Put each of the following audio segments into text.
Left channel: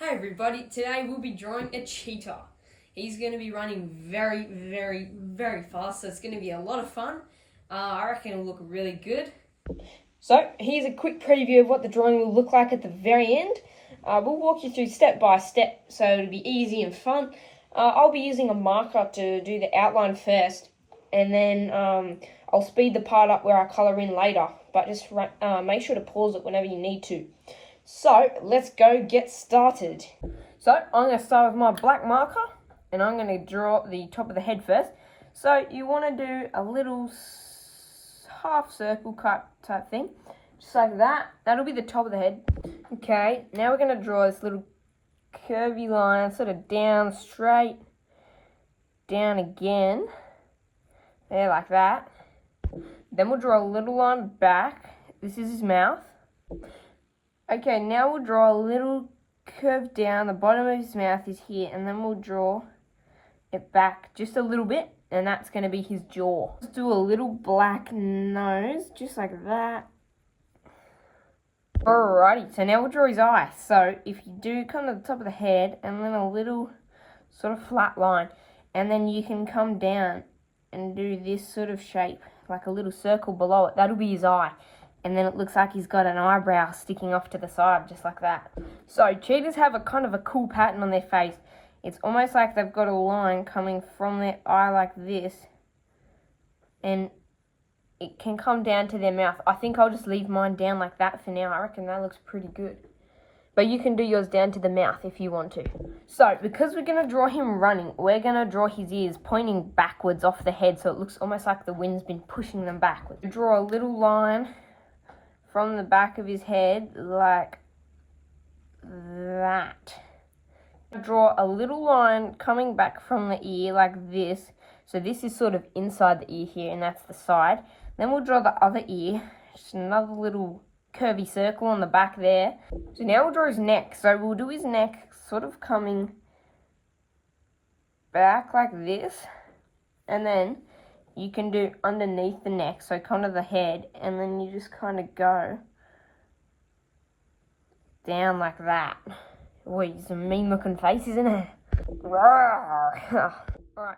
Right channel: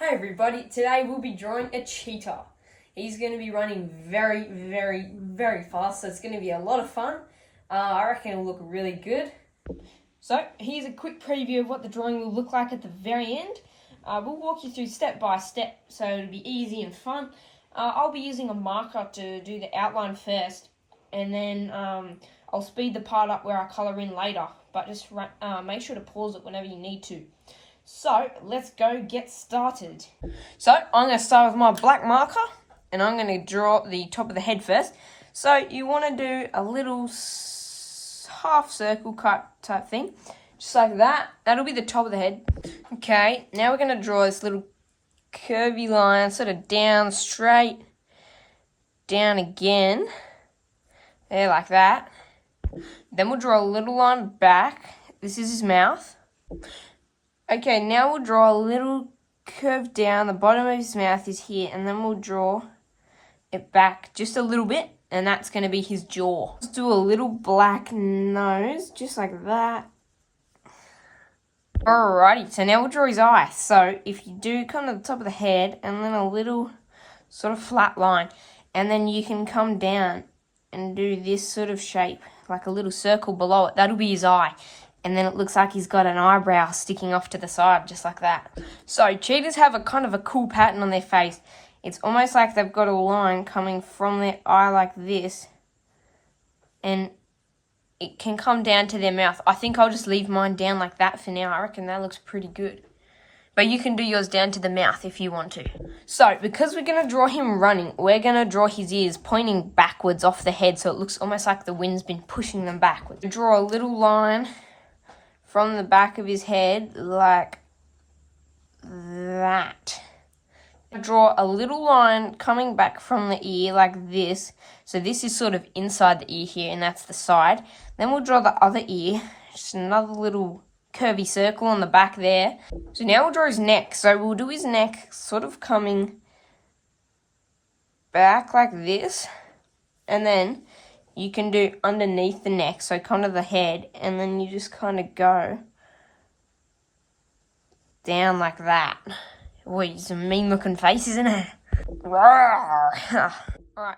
Hey everybody, today we'll be drawing a cheetah. He's going to be running very, very, very fast, so it's going to be a lot of fun. I reckon it'll look really good. So here's a quick preview of what the drawing will look like at the very end. We'll walk you through step by step, so it'll be easy and fun. I'll be using a marker to do the outline first, and then I'll speed the part up where I colour in later, but just make sure to pause it whenever you need to. So let's go get started. So I'm going to start with my black marker and I'm going to draw the top of the head first. So you want to do a little half circle cut type thing, just like that. That'll be the top of the head. Okay, now we're going to draw this little curvy line, sort of down, straight, down again. There, like that. Then we'll draw a little line back. This is his mouth. Okay, now we'll draw a little curve down. The bottom of his mouth is here, and then we'll draw it back just a little bit, and that's going to be his jaw. Let's do a little black nose, just like that. Alrighty, so now we'll draw his eye. So if you do come to the top of the head, and then a little sort of flat line, and then you can come down and do this sort of shape, like a little circle below it. That'll be his eye. And then it looks like he's got an eyebrow sticking off to the side, just like that. So cheetahs have a kind of a cool pattern on their face. It's almost like they've got a line coming from their eye like this, and it can come down to their mouth. I think I'll just leave mine down like that for now. I reckon that looks pretty good. But you can do yours down to the mouth if you want to. So because we're going to draw him running, we're going to draw his ears pointing backwards off the head, so it looks almost like the wind's been pushing them backwards. Draw a little line from the back of his head, like that. Draw a little line coming back from the ear, like this. So this is sort of inside the ear here, and that's the side. Then we'll draw the other ear, just another little curvy circle on the back there. So now we'll draw his neck. So we'll do his neck sort of coming back like this, and then you can do underneath the neck, so come to the head, and then you just kind of go down like that. Boy, it's a mean looking face, isn't it? Alright,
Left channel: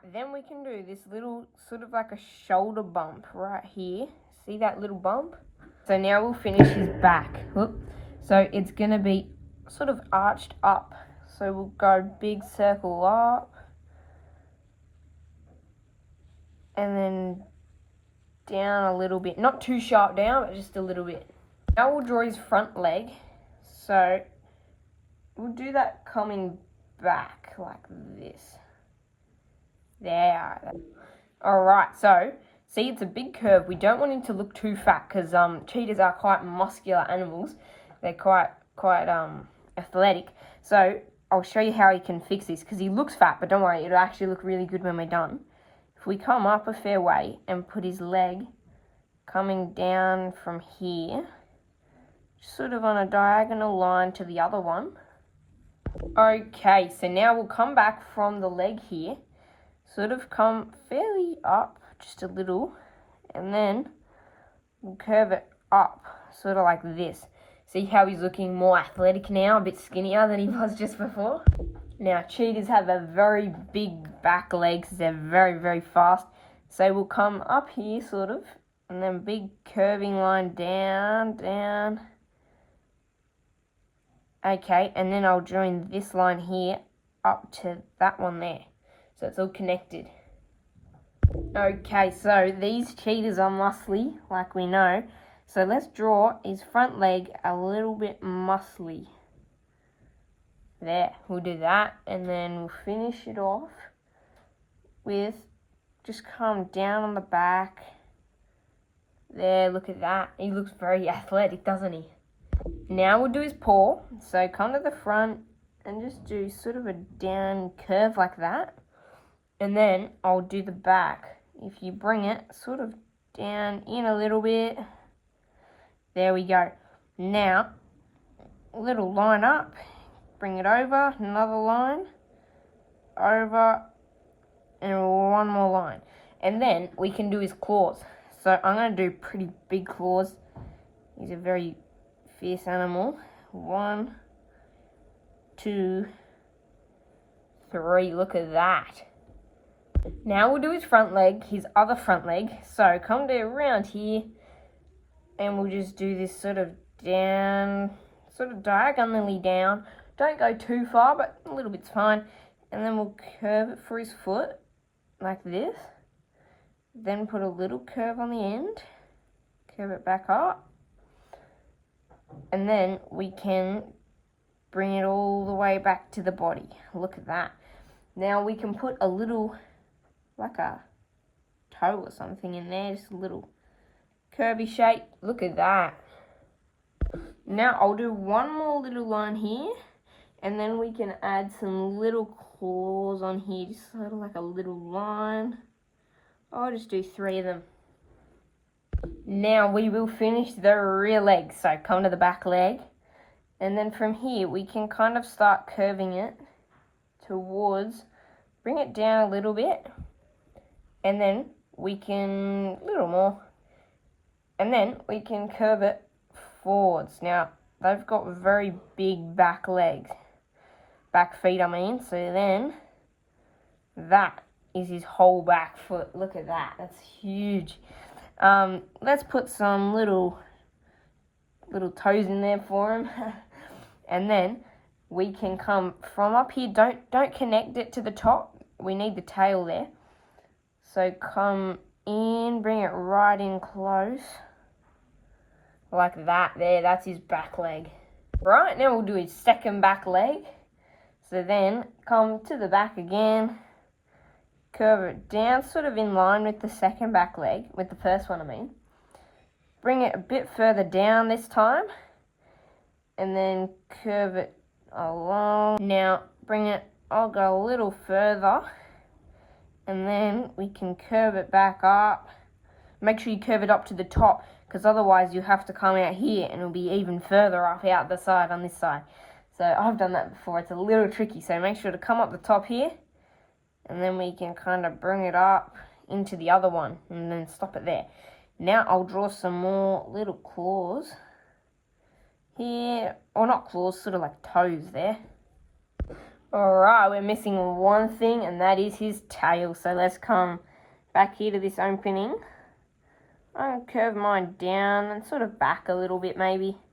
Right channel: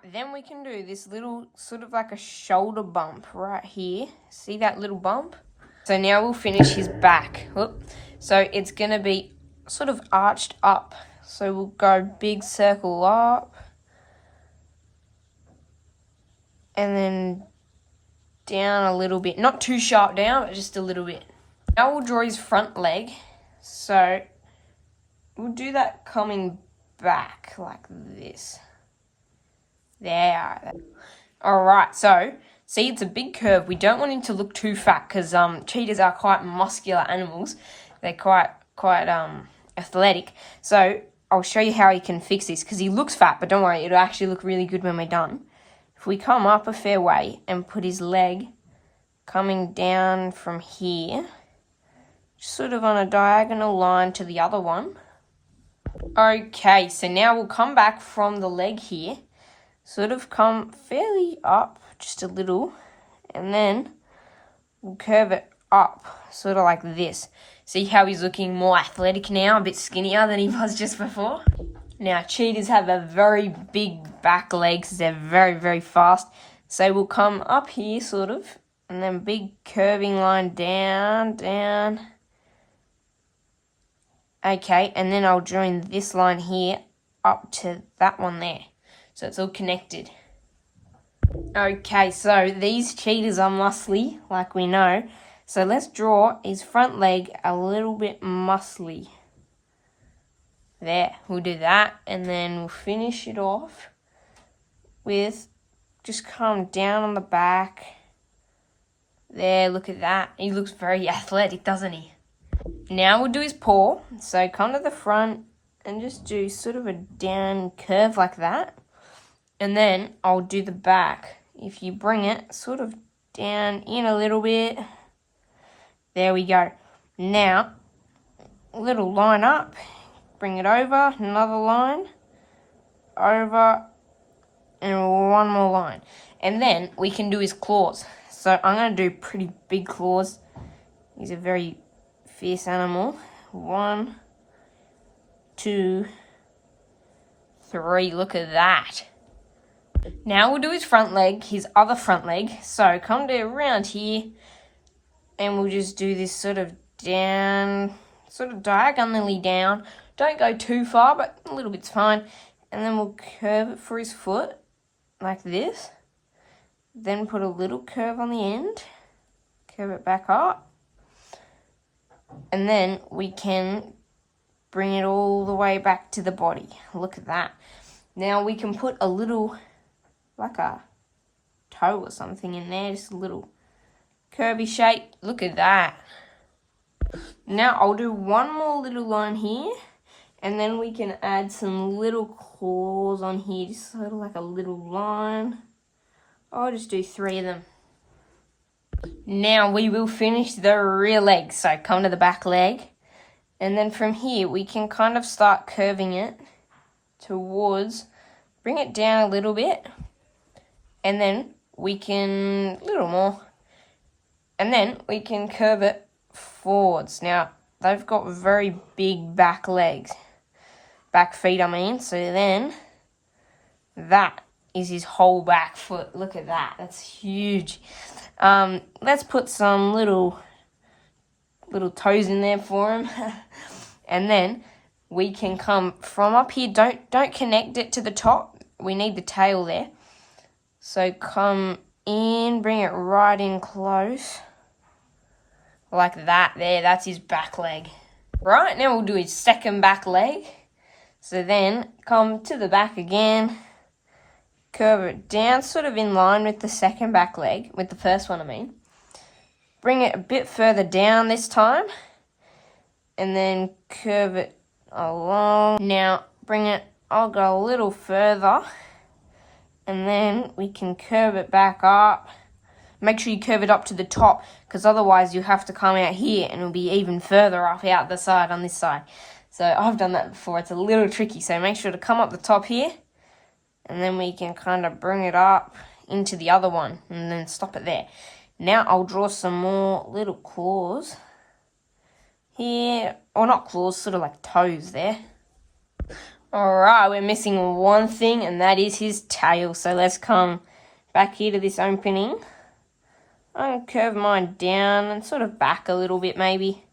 then we can do this little sort of like a shoulder bump right here. See that little bump? So now we'll finish his back. Whoop. So it's going to be sort of arched up. So we'll go big circle up, and then down a little bit. Not too sharp down, but just a little bit. Now we'll draw his front leg. So we'll do that coming back like this. There. Alright, so see, it's a big curve. We don't want him to look too fat because cheetahs are quite muscular animals. They're quite athletic. So I'll show you how he can fix this because he looks fat, but don't worry, it'll actually look really good when we're done. If we come up a fair way and put his leg coming down from here, sort of on a diagonal line to the other one. Okay, so now we'll come back from the leg here, sort of come fairly up just a little, and then we'll curve it up, sort of like this. See how he's looking more athletic now, a bit skinnier than he was just before? Now, cheetahs have a very big back legs. They're very, very fast. So we'll come up here, sort of, and then big curving line down, down. Okay, and then I'll join this line here up to that one there. So it's all connected. Okay, so these cheetahs are muscly, like we know. So let's draw his front leg a little bit muscly. There, we'll do that, and then we'll finish it off with just come down on the back. There, look at that. He looks very athletic, doesn't he? Now we'll do his paw. So come to the front and just do sort of a down curve like that. And then I'll do the back. If you bring it sort of down in a little bit. There we go. Now, a little line up. Bring it over, another line, over, and one more line. And then we can do his claws. So I'm going to do pretty big claws. He's a very fierce animal. 1, 2, 3. Look at that. Now we'll do his front leg, his other front leg. So come to around here, and we'll just do this sort of down, sort of diagonally down. Don't go too far, but a little bit's fine. And then we'll curve it for his foot, like this. Then put a little curve on the end. Curve it back up. And then we can bring it all the way back to the body. Look at that. Now we can put a little, like a toe or something in there, just a little curvy shape. Look at that. Now I'll do one more little line here, and then we can add some little claws on here, just sort of like a little line. I'll just do 3 of them. Now we will finish the rear leg. So come to the back leg, and then from here we can kind of start curving it towards, bring it down a little bit, and then we can, a little more, and then we can curve it forwards. Now, they've got very big back legs, back feet I mean, so then that is his whole back foot. Look at that, that's huge. Let's put some little toes in there for him. And then we can come from up here, don't connect it to the top, we need the tail there. So come in, bring it right in close. Like that there, that's his back leg. Right, now we'll do his second back leg. So then, come to the back again, curve it down, sort of in line with the second back leg, with the first one I mean. Bring it a bit further down this time, and then curve it along. Now, I'll go a little further, and then we can curve it back up. Make sure you curve it up to the top, because otherwise you'll have to come out here and it'll be even further up out the side on this side. So I've done that before, it's a little tricky. So make sure to come up the top here, and then we can kind of bring it up into the other one and then stop it there. Now I'll draw some more little claws here, or not claws, sort of like toes there. Alright, we're missing one thing, and that is his tail. So let's come back here to this opening. I'm going to curve mine down and sort of back a little bit maybe.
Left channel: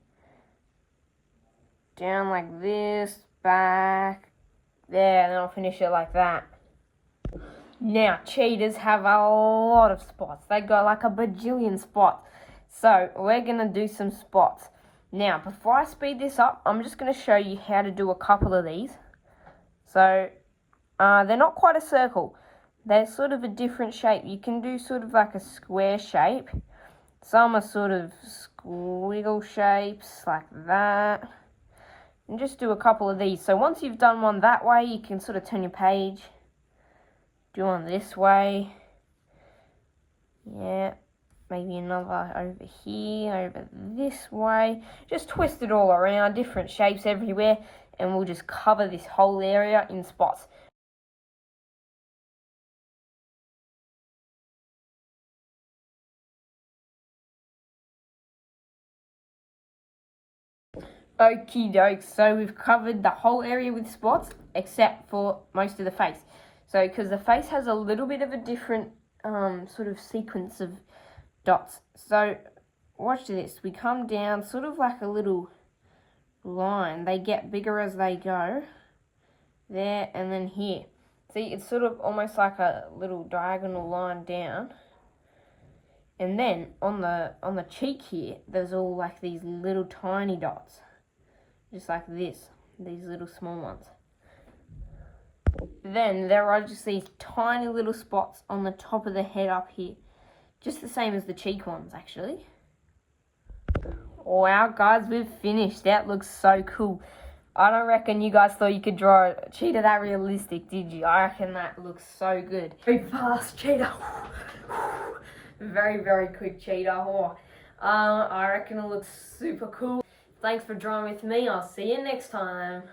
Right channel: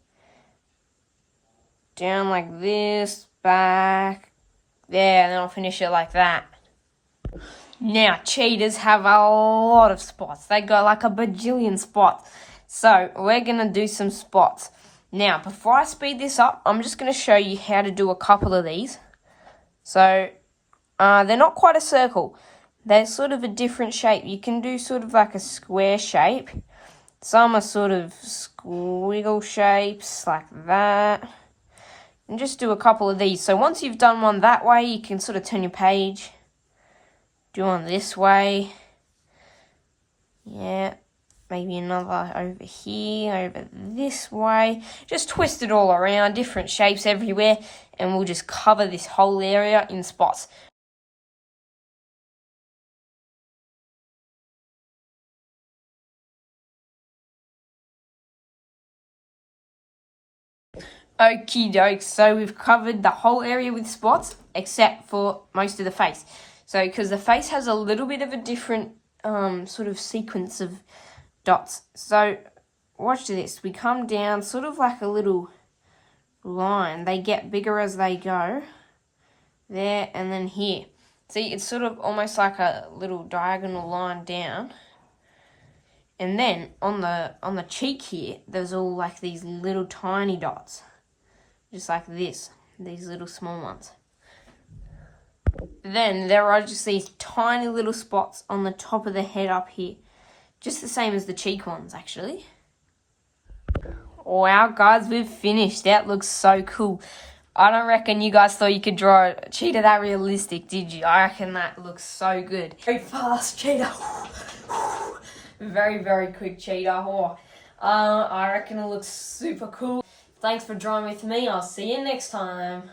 Down like this, back, there, and then I'll finish it like that. Now, cheetahs have a lot of spots. They got like a bajillion spots. So we're going to do some spots. Now, before I speed this up, I'm just going to show you how to do a couple of these. So, they're not quite a circle. They're sort of a different shape. You can do sort of like a square shape. Some are sort of squiggle shapes, like that. And just do a couple of these. So once you've done one that way, you can sort of turn your page. Do one this way. Yeah. Maybe another over here, over this way. Just twist it all around, different shapes everywhere, and we'll just cover this whole area in spots. Okie doke, so we've covered the whole area with spots, except for most of the face. So, because the face has a little bit of a different sort of sequence of dots. So watch this, we come down sort of like a little line. They get bigger as they go. There and then here. See, it's sort of almost like a little diagonal line down. And then on the cheek here, there's all like these little tiny dots. Just like this, these little small ones. Then there are just these tiny little spots on the top of the head up here. Just the same as the cheek ones, actually. Wow, guys, we've finished. That looks so cool. I don't reckon you guys thought you could draw a cheetah that realistic, did you? I reckon that looks so good. Very fast cheetah. Very, very quick cheetah. Oh, I reckon it looks super cool. Thanks for drawing with me. I'll see you next time.